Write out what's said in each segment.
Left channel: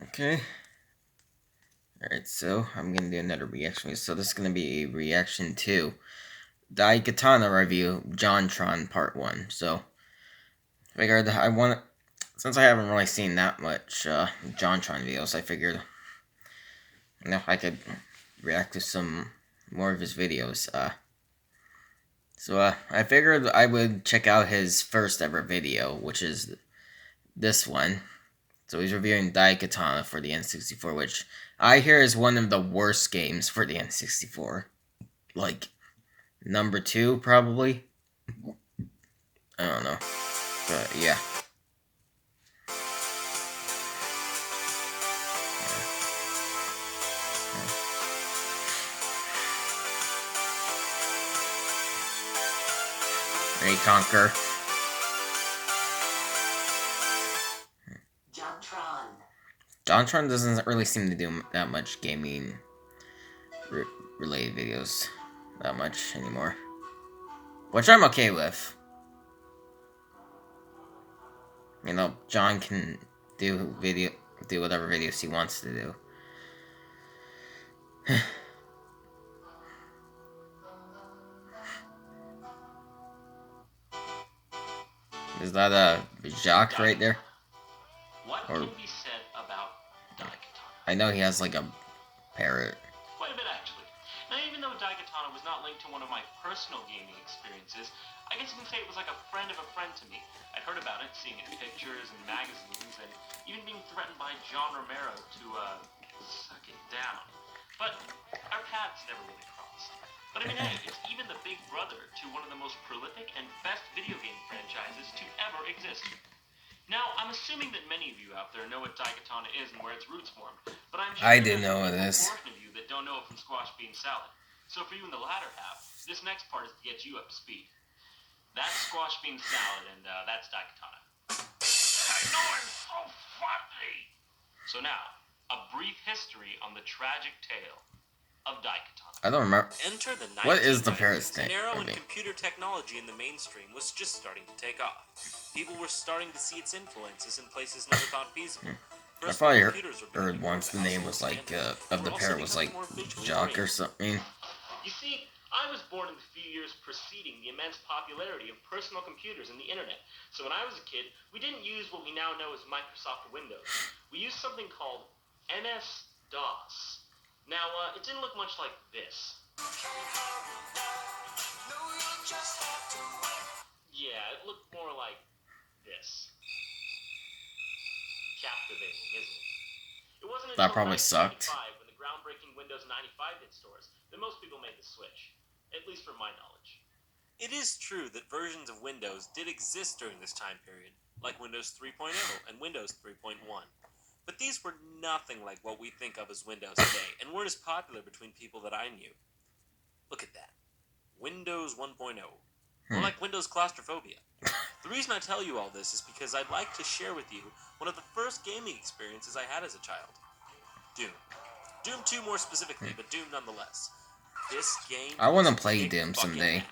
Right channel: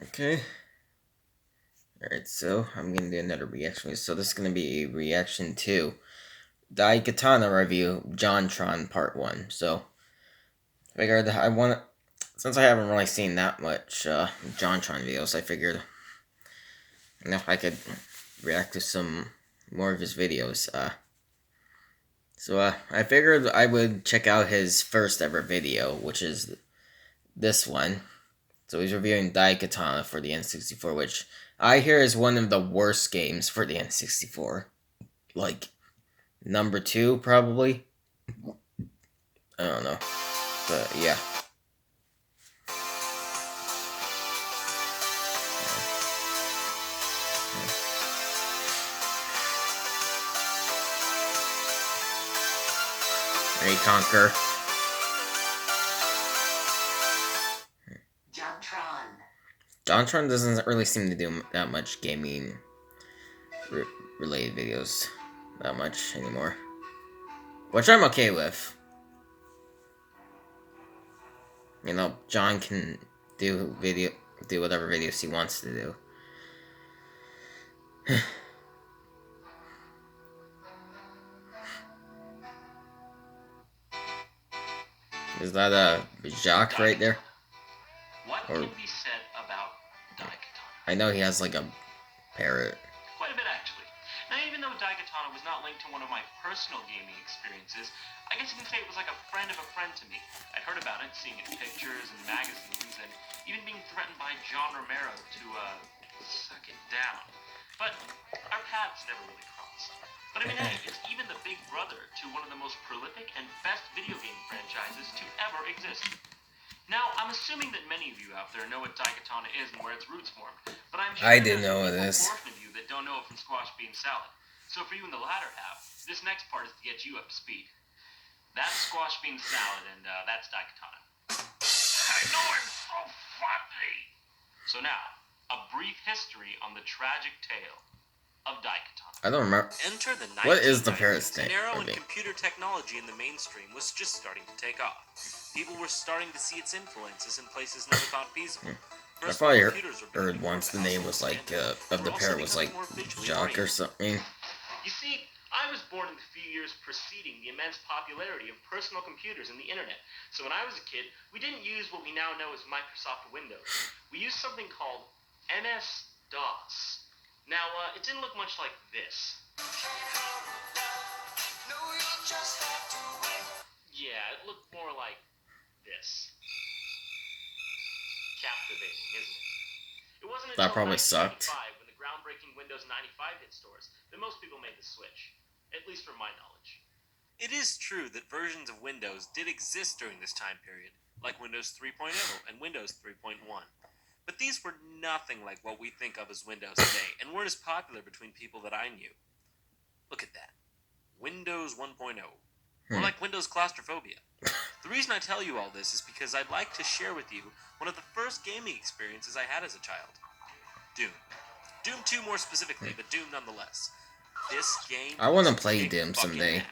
Okay. Alright, so I'm gonna do another reaction. So this is gonna be a reaction to Daikatana review, JonTron Part 1. So, figured since I haven't really seen that much JonTron videos, I figured, I could react to some more of his videos. So I figured I would check out his first ever video, which is this one. So he's reviewing Daikatana for the N64, which I hear is one of the worst games for the N64. Like, number 2, probably. I don't know. But, yeah. Ready, Conquer. JonTron doesn't really seem to do that much gaming related videos that much anymore. Which I'm okay with. John can do whatever videos he wants to do. Is that a Jacques right there? What can be said about Daikatana? I know he has like a parrot. Quite a bit, actually. Now, even though Daikatana was not linked to one of my personal gaming experiences, I guess you can say it was like a friend of a friend to me. I'd heard about it, seeing it in pictures and magazines, and even being threatened by John Romero to, suck it down. But our paths never really crossed. But I mean, hey, it's even the big brother to one of the most prolific and best video game franchises to ever exist. Now, I'm assuming that many of you out there know what Daikatana is and where its roots formed, but I'm sure I do there's know a this. portion of you that don't know it from squash bean salad. So for you in the latter half, this next part is to get you up to speed. That's squash bean salad, and that's Daikatana. I know I'm so funny! So now, a brief history on the tragic tale of Daikatana. I don't remember. Enter the What is the 1990s, parrot's name? an era when computer technology in the mainstream was just starting to take off. People were starting to see its influences in places never thought feasible. I probably heard once the name was like of the parrot was like Jock or something. You see, I was born in the few years preceding the immense popularity of personal computers and the internet. So when I was a kid, we didn't use what we now know as Microsoft Windows. We used something called MS-DOS. Now, it didn't look much like this. Yeah, it looked more like this. Captivating, isn't it? It wasn't That until probably sucked. 1995, when the groundbreaking Windows 95 hit stores, that most people made the switch. At least from my knowledge. It is true that versions of Windows did exist during this time period, like Windows 3.0 and Windows 3.1. But these were nothing like what we think of as Windows today, and weren't as popular between people that I knew. Look at that. Windows 1.0. Or like Windows claustrophobia. The reason I tell you all this is because I'd like to share with you one of the first gaming experiences I had as a child. Doom. Doom 2 more specifically, but Doom nonetheless. This game I want to play Doom someday.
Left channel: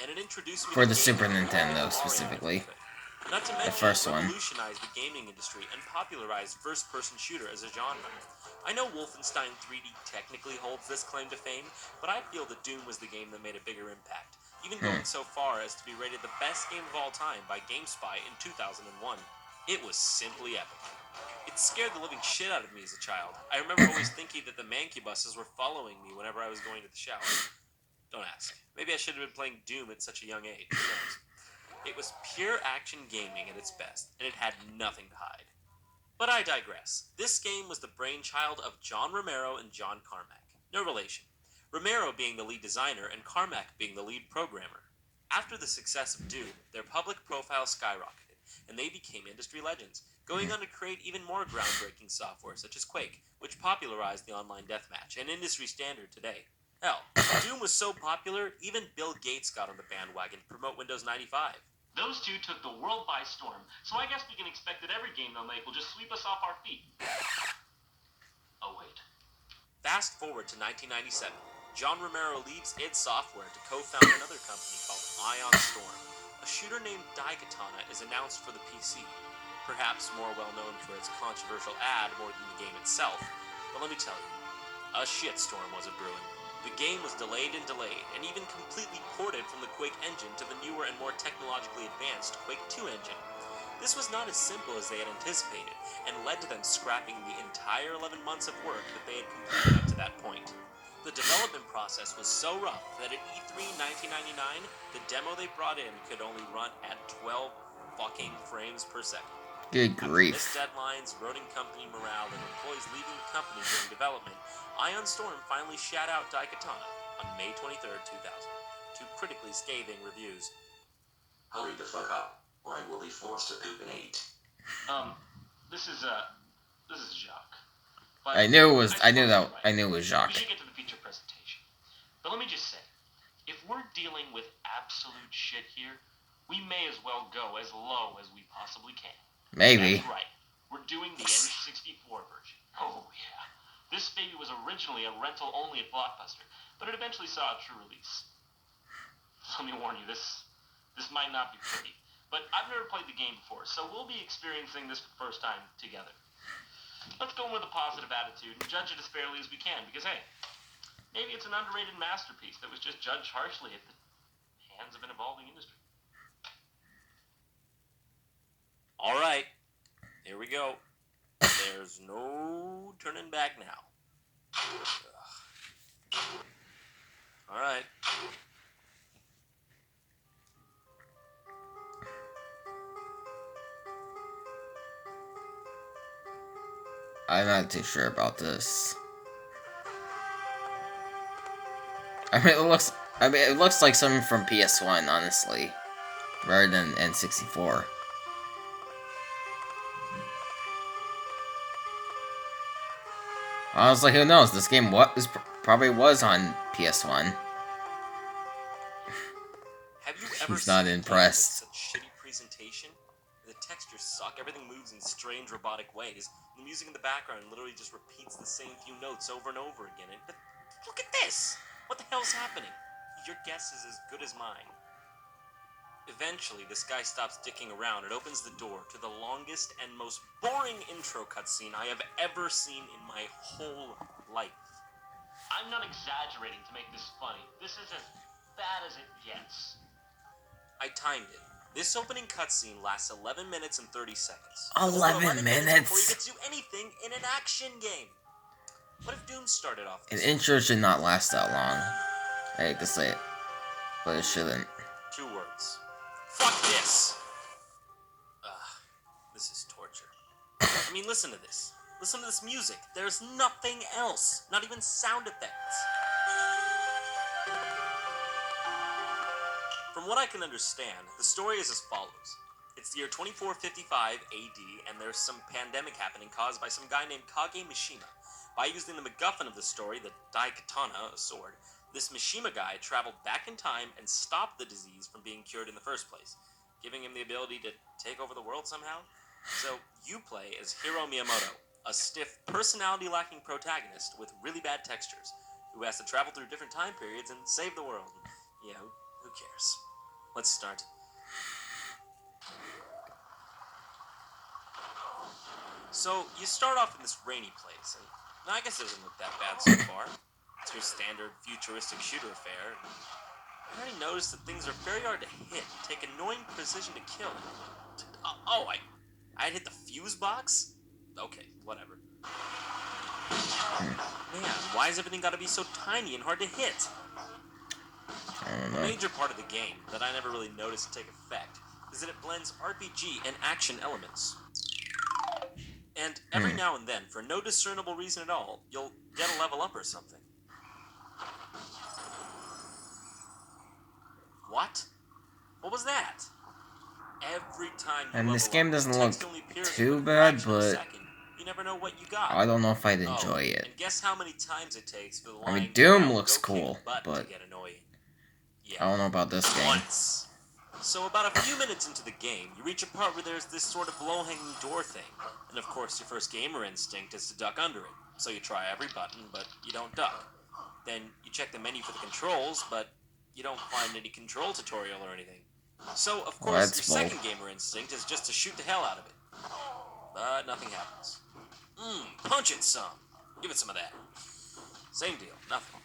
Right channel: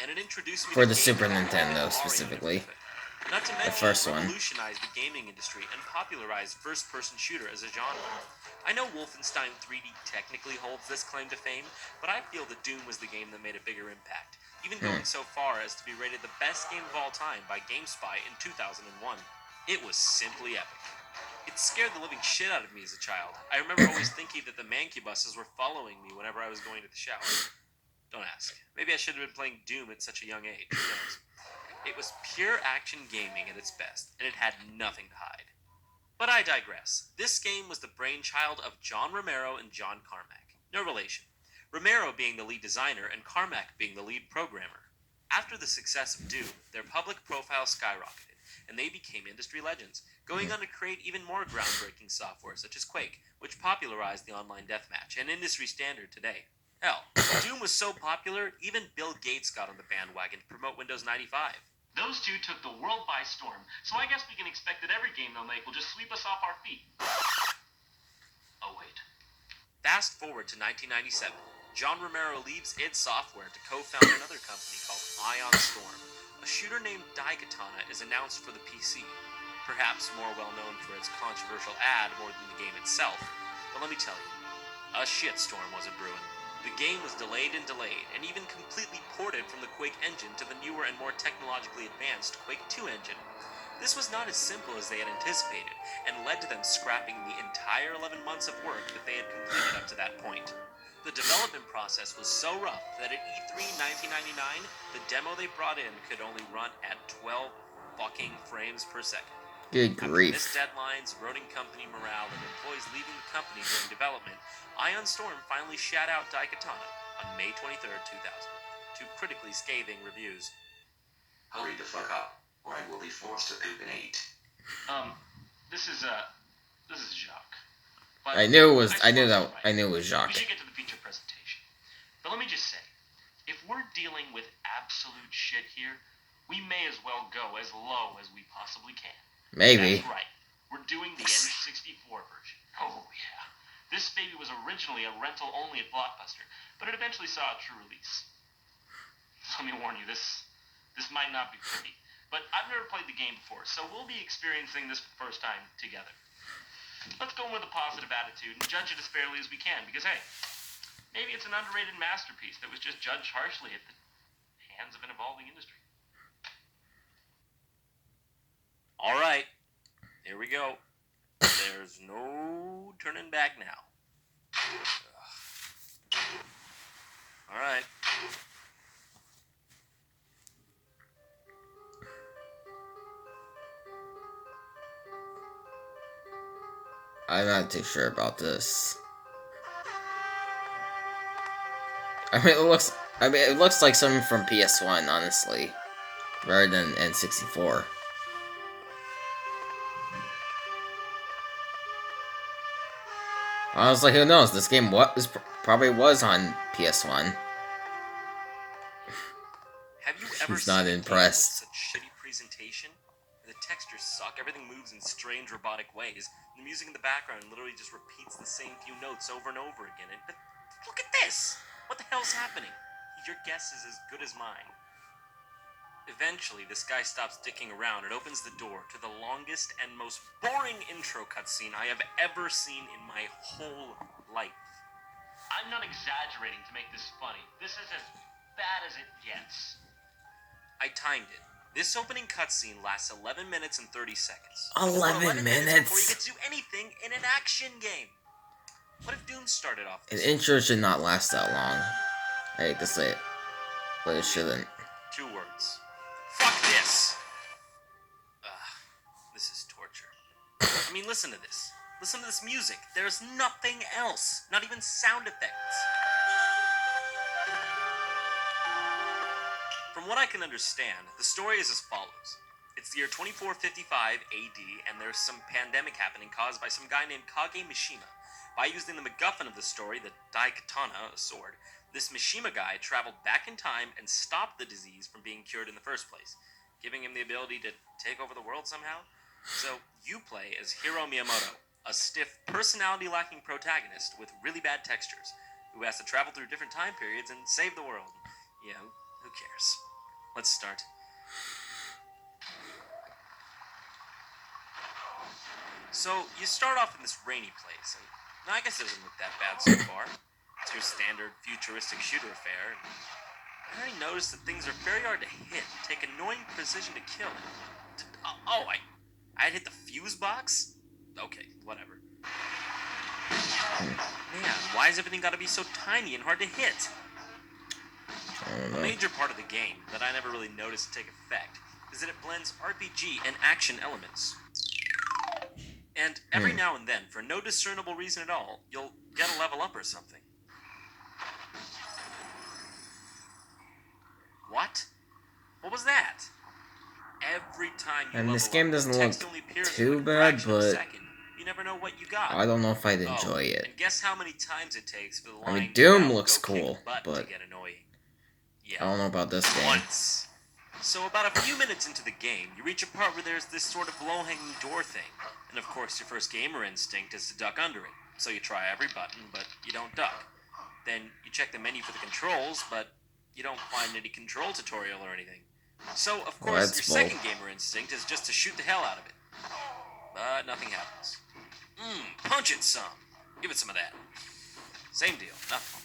And it introduced me for to the games Super that Nintendo were specifically. Not to The mention, first it one. revolutionized the gaming industry and popularized first-person shooter as a genre. I know Wolfenstein 3D technically holds this claim to fame, but I feel that Doom was the game that made a bigger impact, even going so far as to be rated the best game of all time by GameSpy in 2001. It was simply epic. It scared the living shit out of me as a child. I remember always thinking that the mancubuses were following me whenever I was going to the shower. Don't ask. Maybe I should have been playing Doom at such a young age. Who knows? It was pure action gaming at its best, and it had nothing to hide. But I digress. This game was the brainchild of John Romero and John Carmack. No relation. Romero being the lead designer and Carmack being the lead programmer. After the success of Doom, their public profile skyrocketed, and they became industry legends, going on to create even more groundbreaking software such as Quake, which popularized the online deathmatch, an industry standard today. Hell, Doom was so popular, even Bill Gates got on the bandwagon to promote Windows 95. Those two took the world by storm, so I guess we can expect that every game they'll make will just sweep us off our feet. Oh, wait. Fast forward to 1997. John Romero leaves id Software to co-found another company called Ion Storm. A shooter named Daikatana is announced for the PC. perhaps more well known for its controversial ad more than the game itself, but let me tell you, a shitstorm was a brewing. The game was delayed and delayed, and even completely ported from the Quake engine to the newer and more technologically advanced Quake 2 engine. This was not as simple as they had anticipated, and led to them scrapping the entire 11 months of work that they had completed up to that point. The development process was so rough that at E3 1999, the demo they brought in could only run at 12 fucking frames per second. Good After missed grief. deadlines, eroding company morale, and employees leaving the company during development, Ion Storm finally shat out Daikatana on May 23rd, 2000, to critically scathing reviews. Hurry the fuck up, or I will be forced to poop and eat. This is Jacques. I knew it was Right. I knew it was We Jacques. should get to the feature presentation. But let me just say, if we're dealing with absolute shit here, we may as well go as low as we possibly can. Maybe. That's right. We're doing the N64 version. Oh, yeah. This baby was originally a rental only at Blockbuster, but it eventually saw a true release. Let me warn you, this might not be pretty. But I've never played the game before, so we'll be experiencing this for the first time together. Let's go in with a positive attitude and judge it as fairly as we can, because hey, maybe it's an underrated masterpiece that was just judged harshly at the hands of an evolving industry. All right, here we go. There's no turning back now. All right. I'm not too sure about this. it looks like something from PS1, honestly, rather than N64. Honestly, who knows? This game probably was on PS1. Have you ever He's not seen impressed. a game with such shitty presentation? The textures suck, everything moves in strange robotic ways. The music in the background literally just repeats the same few notes over and over again. But look at this! What the hell's happening? Your guess is as good as mine. Eventually, this guy stops dicking around and opens the door to the longest and most boring intro cutscene I have ever seen in my whole life. I'm not exaggerating to make this funny. This is as bad as it gets. I timed it. This opening cutscene lasts 11 minutes and 30 seconds. 11 minutes? Before you get to do anything in an action game. What if Doom started off An this intro should not last that long. I hate to say it, but it shouldn't. 2 words. Fuck this! This is torture. I mean, listen to this. Listen to this music. There's nothing else. Not even sound effects. From what I can understand, the story is as follows. It's the year 2455 AD, and there's some pandemic happening caused by some guy named Kage Mishima. By using the MacGuffin of the story, the Daikatana, a sword, this Mishima guy traveled back in time and stopped the disease from being cured in the first place, giving him the ability to take over the world somehow. So you play as Hiro Miyamoto, a stiff, personality-lacking protagonist with really bad textures, who has to travel through different time periods and save the world. Yeah, who cares? Let's start. So, you start off in this rainy place, and I guess it doesn't look that bad so far. It's your standard futuristic shooter affair. I already noticed that things are very hard to hit, take annoying precision to kill. I had hit the fuse box? Okay, whatever. Man, why has everything got to be so tiny and hard to hit? I don't A know. major part of the game that I never really noticed take effect is that it blends RPG and action elements. And every now and then, for no discernible reason at all, you'll get a level up or something. What? What was that? Every time you level This game up, doesn't the text look only appears too for a bad, fraction of a but second. You never know what you got. I don't know if I'd enjoy it. And guess how many times it takes for the I mean, line Doom "Now looks go kick cool, butt" but to get annoying. I Yeah, don't know about this game. once. So about a few minutes into the game, you reach a part where there's this sort of low-hanging door thing. And of course, your first gamer instinct is to duck under it. So you try every button, but you don't duck. Then you check the menu for the controls, but you don't find any control tutorial or anything. So, of course, that's your bold. second gamer instinct is just to shoot the hell out of it. but nothing happens. Punch it some. Give it some of that. Same deal, nothing.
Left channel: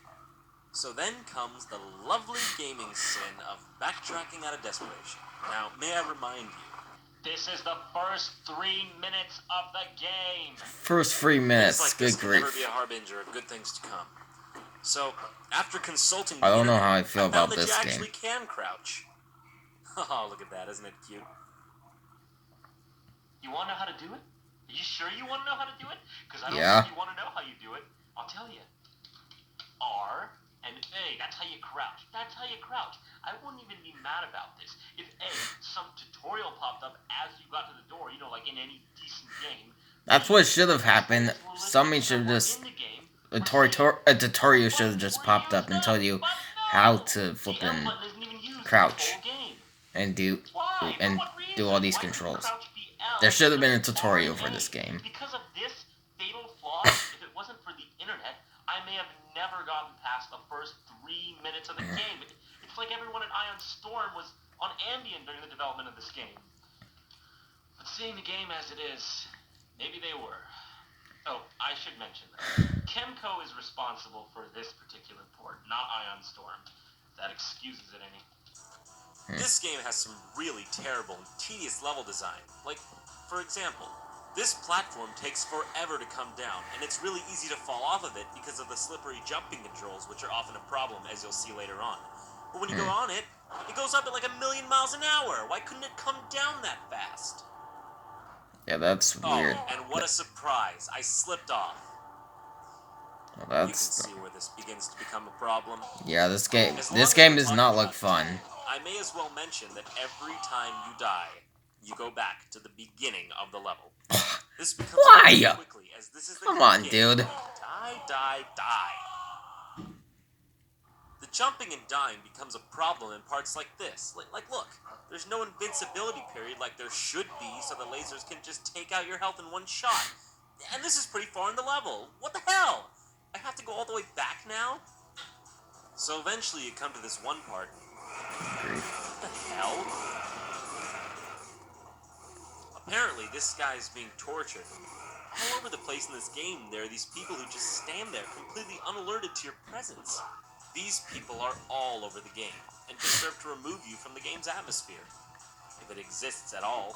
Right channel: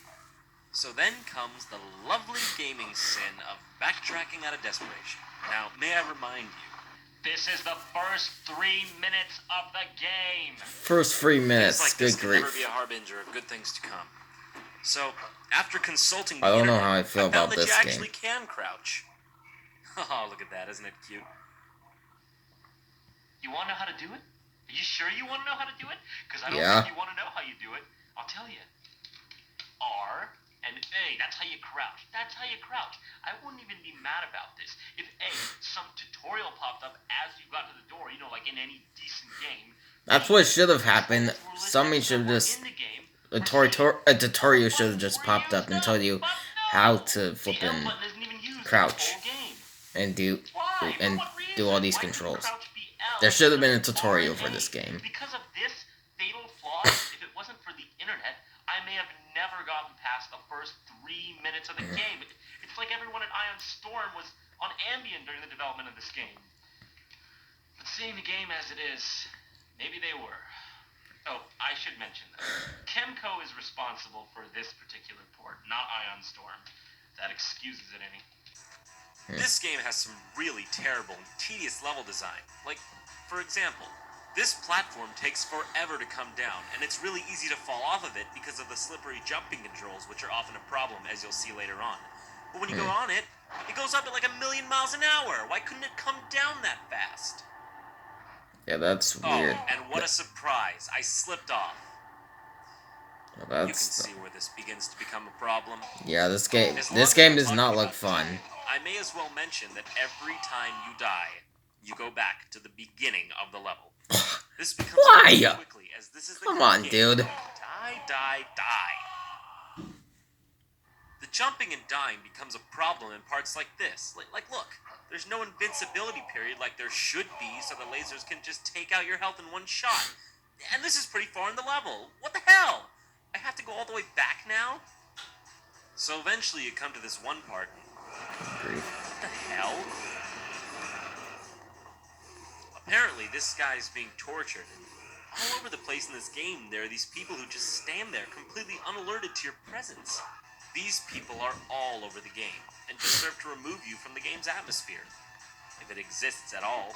So then comes the lovely gaming sin of backtracking out of desperation. Now, may I remind you, This is the first 3 minutes of the game. First 3 things minutes. like Good this can never grief. be a harbinger of good things to come. So, after consulting I the don't know internet, how I feel found about that this you game. actually can crouch. Oh, look at that, isn't it cute? You want to know how to do it? Are you sure you want to know how to do it? Because I don't Yeah. think you want to know how you do it. I'll tell you. R and A. That's how you crouch. That's how you crouch. I wouldn't even be mad about this. If A, some tutorial popped up as you got to the door, you know, like in any decent game. That's what should have happened. Somebody should have just... A tutorial should have just popped up and told you how to flippin' crouch and do all these controls. There should have been a tutorial for this game. Because of this fatal flaw, if it wasn't for the internet, I may have never gotten past the first 3 minutes of the game. It's like everyone at Ion Storm was on Ambien during the development of this game. But seeing the game as it is, maybe they were. Oh, I should mention that. Chemco is responsible for this particular port, not Ion Storm. That excuses it any. This game has some really terrible and tedious level design. Like, for example, this platform takes forever to come down, and it's really easy to fall off of it because of the slippery jumping controls, which are often a problem, as you'll see later on. But when you go on it, it goes up at like 1,000,000 miles an hour. Why couldn't it come down that fast? Yeah, that's weird. Oh, and what a surprise. I slipped off. Well, You can see where this begins to become a problem. Yeah, this game As long as does we're not talking look about fun. time, I may as well mention that every time you die, you go back to the beginning of the level. This becomes Why? really quickly, as this is the Come good on, game. dude. Die, die, die. The jumping and dying becomes a problem in parts like this. Like, look, there's no invincibility period like there should be, so the lasers can just take out your health in one shot. And this is pretty far in the level. What the hell? I have to go all the way back now? So eventually you come to this one part. Grief. What the hell? Apparently, this guy's being tortured. All over the place in this game, there are these people who just stand there, completely unalerted to your presence. These people are all over the game, and just serve to remove you from the game's atmosphere, if it exists at all.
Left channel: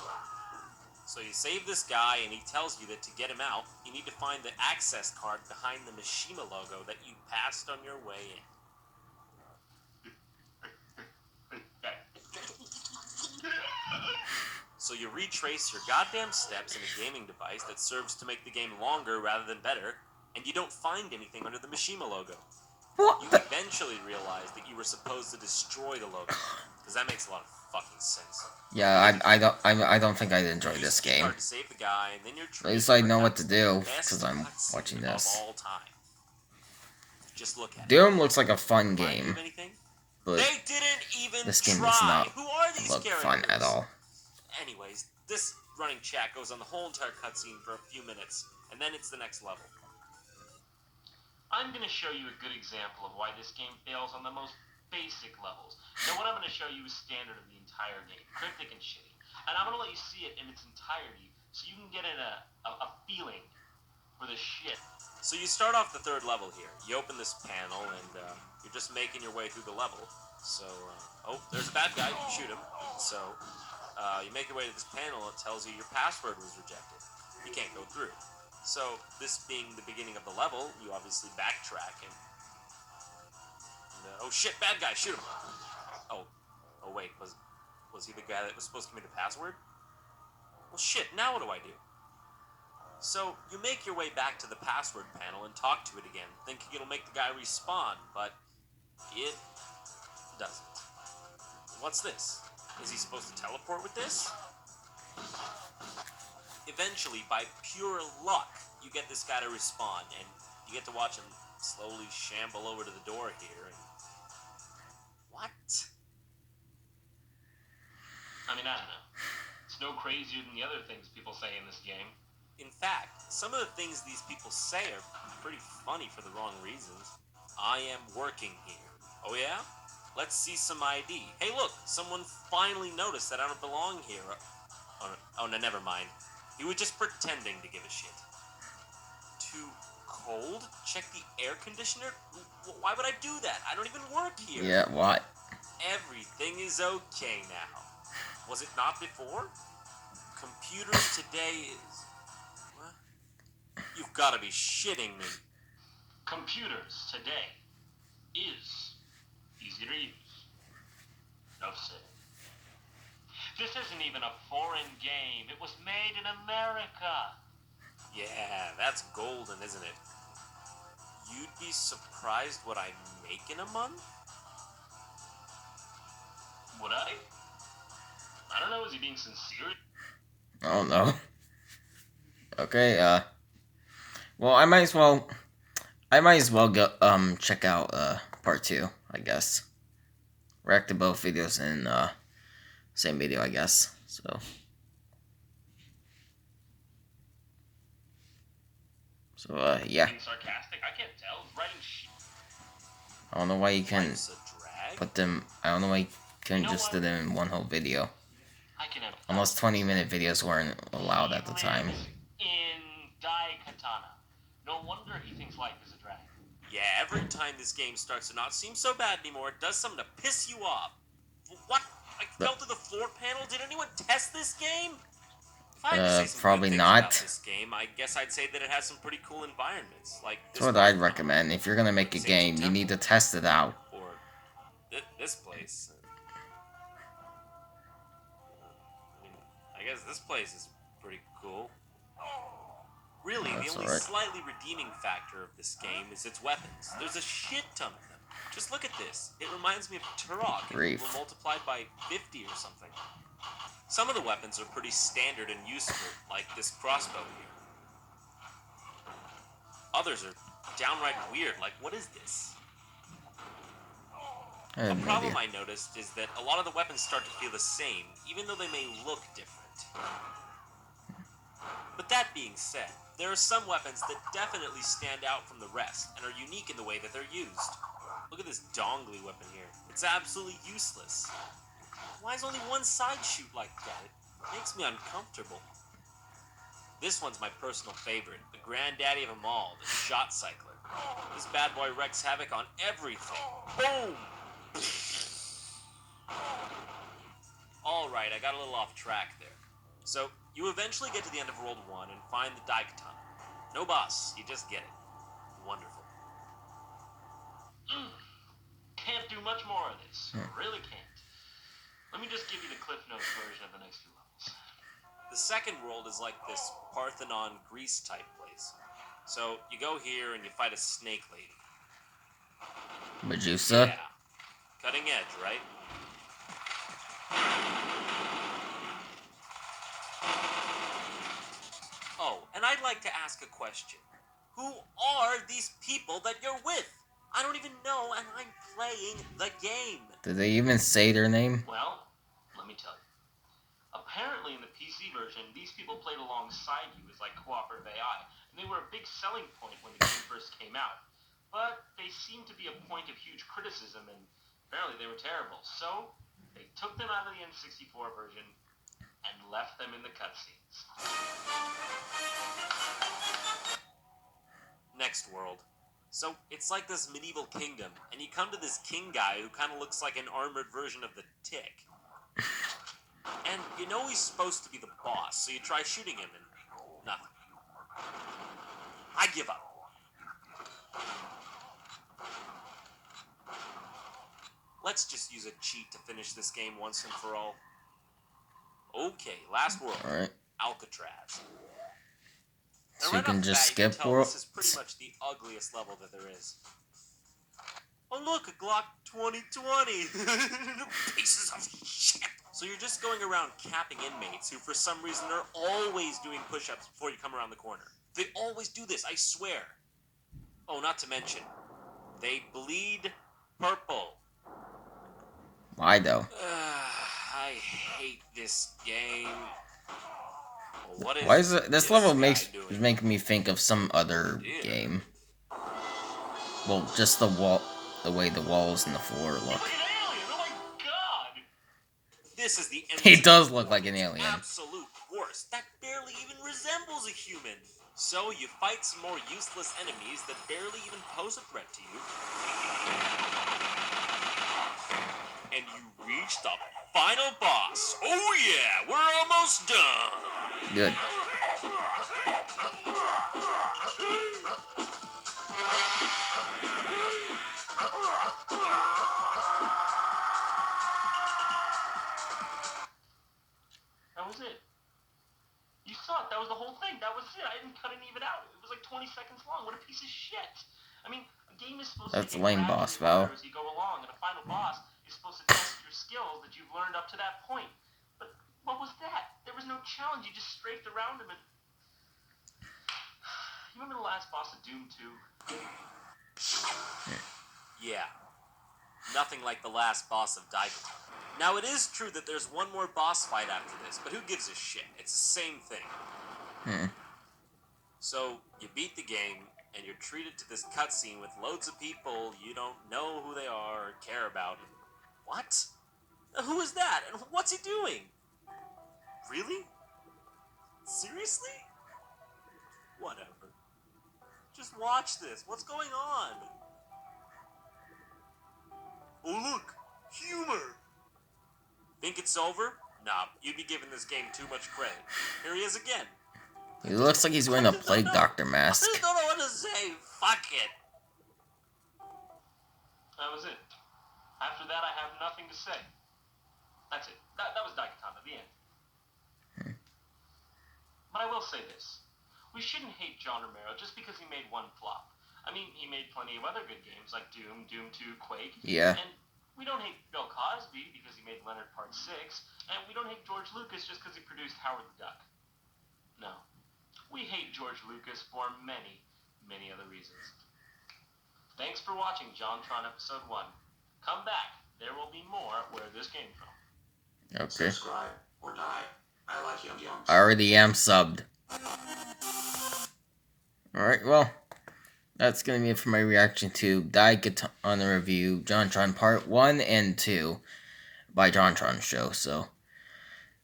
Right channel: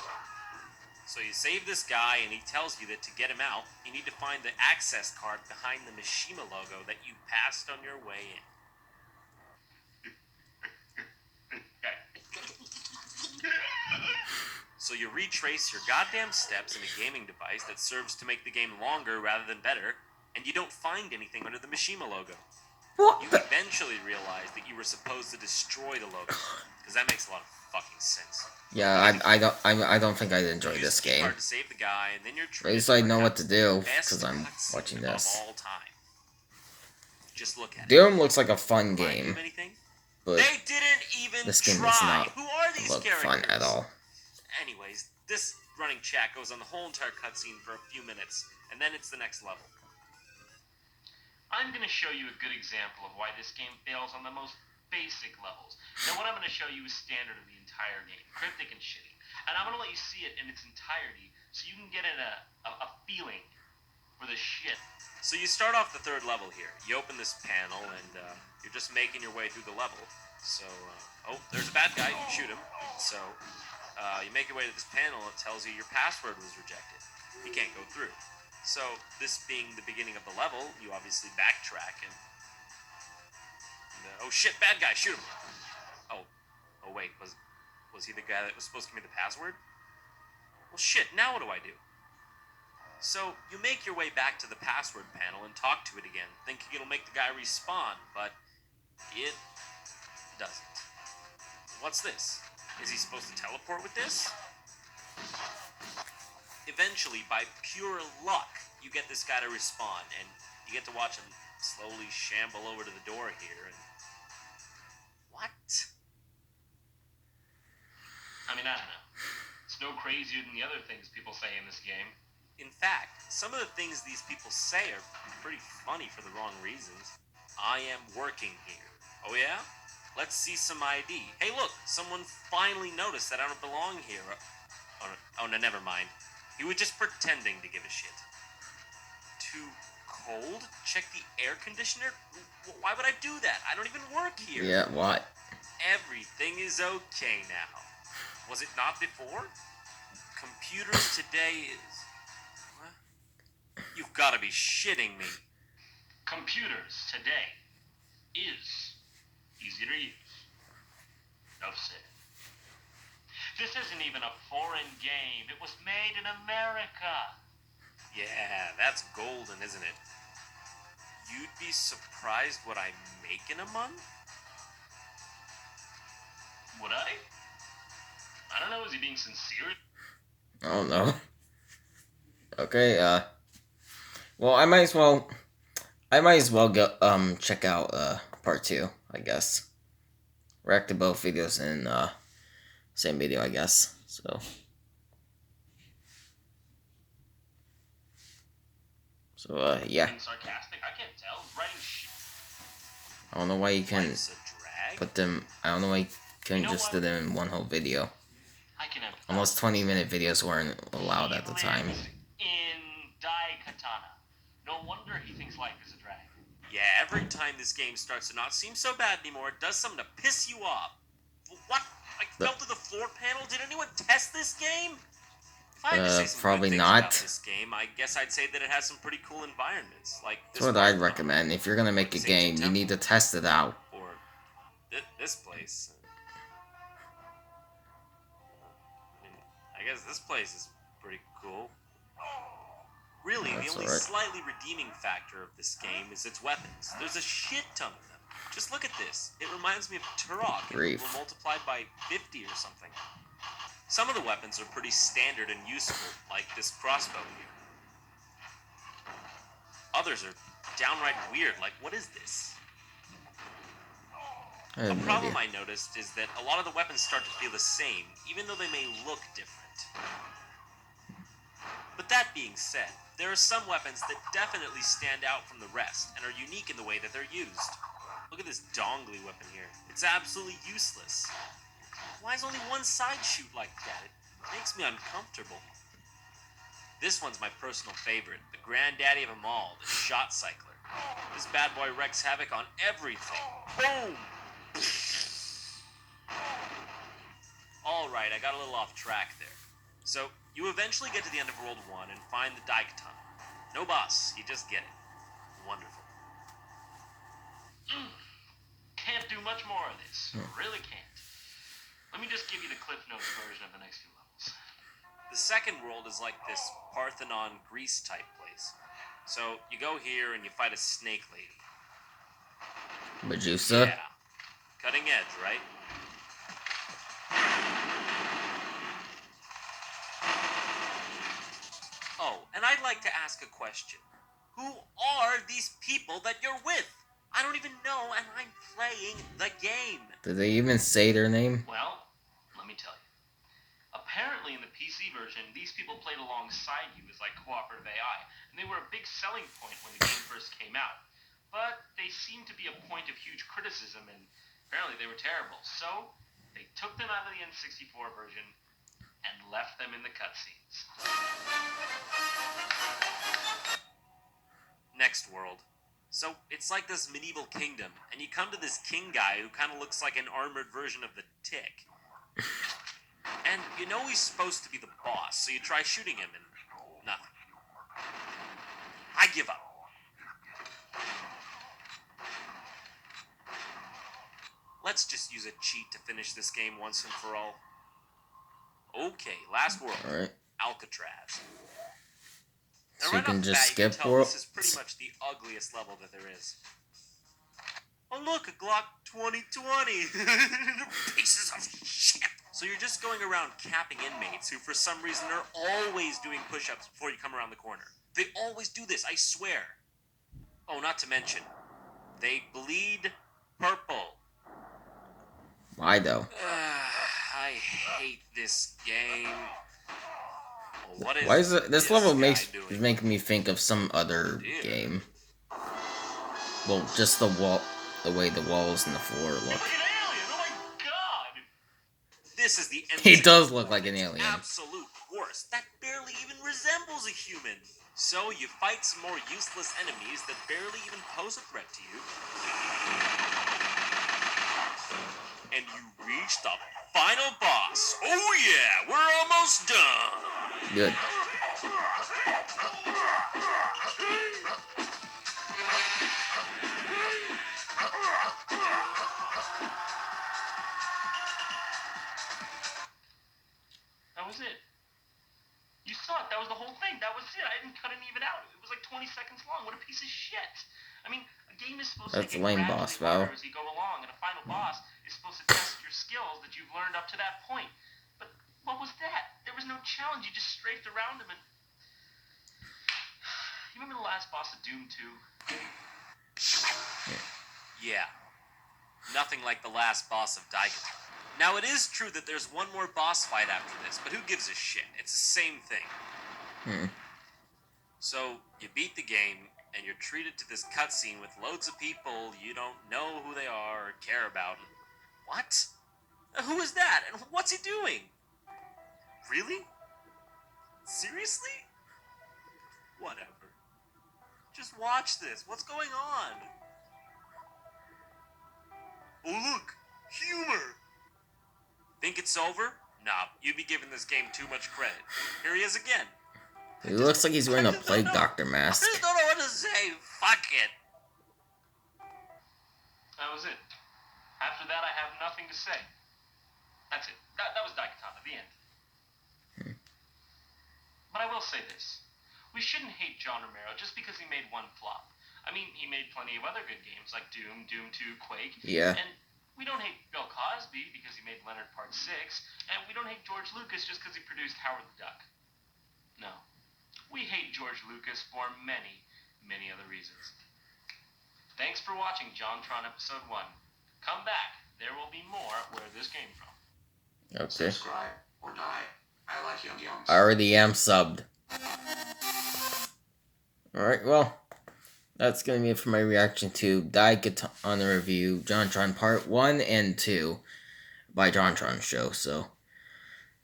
So you save this guy, and he tells you that to get him out, you need to find the access card behind the Mishima logo that you passed on your way in. So you retrace your goddamn steps in a gaming device that serves to make the game longer rather than better, and you don't find anything under the Mishima logo. What? You eventually realize that you were supposed to destroy the logo, because that makes a lot of fucking sense. Yeah, I don't think I'd enjoy Use this the key game. card to save the guy, and then you're At least I know what to do because I'm watching this. Of all time. Just look at it. Doom looks like a fun Remind you game, of anything? but They didn't even this game try. does not Who are these look characters? fun at all. Anyways, this running chat goes on the whole entire cutscene for a few minutes, and then it's the next level. I'm going to show you a good example of why this game fails on the most basic levels. Now, what I'm going to show you is standard of the entire game, cryptic and shitty. And I'm going to let you see it in its entirety so you can get a feeling for the shit. So you start off the third level here. You open this panel, and you're just making your way through the level. So, oh, there's a bad guy. You shoot him. So, you make your way to this panel. It tells you your password was rejected. You can't go through. So, this being the beginning of the level, you obviously backtrack and oh shit, bad guy, shoot him. Oh wait, was he the guy that was supposed to give me the password? Well shit, now what do I do? So, you make your way back to the password panel and talk to it again, thinking it'll make the guy respawn, but it doesn't. What's this? Is he supposed to teleport with this? Eventually, by pure luck, you get this guy to respawn, and you get to watch him slowly shamble over to the door here, and... What? I mean, I don't know. It's no crazier than the other things people say in this game. In fact, some of the things these people say are pretty funny for the wrong reasons. I am working here. Oh yeah? Let's see some ID. Hey look, someone finally noticed that I don't belong here. Oh no, never mind. He was just pretending to give a shit. Too cold? Check the air conditioner? Why would I do that? I don't even work here. Yeah, what? Everything is okay now. Was it not before? Computers today is... What? You've got to be shitting me. Computers today is easy to use. Enough said. This isn't even a foreign game. It was made in America. Yeah, that's golden, isn't it? You'd be surprised what I make in a month? Would I? I don't know, is he being sincere? I don't know. Okay, well, I might as well go, check out, part 2, I guess. React to both videos in, same video, I guess, so. So, yeah. Being sarcastic? I can't tell. He's writing shit. I don't know why you can Life's a drag? put them, I don't know why you couldn't You know just what? do them in one whole video. I can empathize. Unless 20-minute videos weren't allowed at the time. He lives in Daikatana. No wonder he thinks life is a drag. Yeah, every time this game starts to not seem so bad anymore, it does something to piss you off. What? I fell through the floor panel? Did anyone test this game? If I had to say some probably good things not. about this game, I guess I'd say that it has some pretty cool environments. Like this That's what I'd Parthenon, recommend. If you're gonna make a Saint game, you Temple, need to test it out. or this place. I mean, I guess this place is pretty cool. Really, the That's only alright. slightly redeeming factor of this game is its weapons. There's a shit ton of them. Just look at this. It reminds me of Turok, and Grief. were multiplied by 50 or something. Some of the weapons are pretty standard and useful, like this crossbow here. Others are downright weird, like what is this? I have A no problem idea. I noticed is that a lot of the weapons start to feel the same, even though they may look different. But that being said, there are some weapons that definitely stand out from the rest and are unique in the way that they're used. Look at this dongly weapon here. It's absolutely useless. Why does only one side shoot like that? It makes me uncomfortable. This one's my personal favorite, the granddaddy of them all, the shot cycler. This bad boy wreaks havoc on everything. Boom! Alright, I got a little off track there. So, you eventually get to the end of World 1 and find the Daikatana. No boss, you just get it. Wonderful. Can't do much more of this. Really can't. Let me just give you the Cliff Notes version of the next few levels. The second world is like this Parthenon Greece type place. So, you go here and you fight a snake lady. Medusa? Yeah. Cutting edge, right? Oh, and I'd like to ask a question. Who are these people that you're with? I don't even know, and I'm playing the game. Did they even say their name? Well, let me tell you. Apparently in the PC version, these people played alongside you as like cooperative AI, and they were a big selling point when the game first came out. But they seemed to be a point of huge criticism, and apparently they were terrible. So, they took them out of the N64 version and left them in the cutscenes. Next world. So, it's like this medieval kingdom, and you come to this king guy who kind of looks like an armored version of the Tick. And you know he's supposed to be the boss, so you try shooting him and nothing. I give up. Let's just use a cheat to finish this game once and for all. Okay, last world. Alright. Alcatraz. So Now, you right can off the just bat, you can skip tell worlds? this is pretty much the ugliest level that there is. Oh look, a Glock 2020! Pieces of shit! So you're just going around capping inmates who for some reason are always doing push-ups before you come around the corner. They always do this, I swear. Oh, not to mention, they bleed purple. Why though? I hate this game. Well, what is Why is it, this level guy is doing? making me think of some other Dear. game. Well, just the way the walls and the floor look. Look at Alien! Oh my god! This is the He does N64 look like an its alien. absolute worst that barely even resembles a human. So you fight some more useless enemies that barely even pose a threat to you. And you reach the final boss. Oh yeah, we're almost done. Good. That was it. You saw it. That was the whole thing. That was it. I didn't cut it even out. It was like 20 seconds long. What a piece of shit. I mean, a game is supposed That's to a get lame gradually boss, Val. harder as you go along, and a final boss is supposed to test your skills that you've learned up to that point. But what was that? There was no challenge. You just strafed around him and... You remember the last boss of Doom 2? Yeah, nothing like the last boss of Daikatana. Now, it is true that there's one more boss fight after this, but who gives a shit? It's the same thing. So, you beat the game, and you're treated to this cutscene with loads of people you don't know who they are or care about. What? Who is that? And what's he doing? Really? Seriously? Whatever. Just watch this. What's going on? Oh, look! Humor! Think it's over? Nah, you'd be giving this game too much credit. Here he is again. He looks like he's wearing a plague doctor I mask. just don't know what to say. Fuck it. That was it. After that, I have nothing to say. That's it. That was Daikatana, the end. But I will say this. We shouldn't hate John Romero just because he made one flop. I mean, he made plenty of other good games like Doom, Doom 2, Quake. Yeah. And we don't hate Bill Cosby because he made Leonard Part 6. And we don't hate George Lucas just because he produced Howard the Duck. No. We hate George Lucas for many, many other reasons. Thanks for watching JonTron Episode 1. Come back. There will be more where this came from. Okay. Subscribe or die. I like Yum Yums. I already am subbed. Alright, well, that's going to be it for my reaction to Daikatana review, JonTron Part 1 and 2 by JonTronShow. So,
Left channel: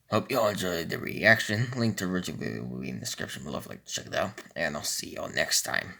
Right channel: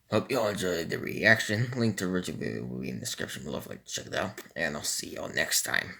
hope you all enjoyed the reaction. Link to the original video will be in the description below if you'd like to check it out. And I'll see y'all next time.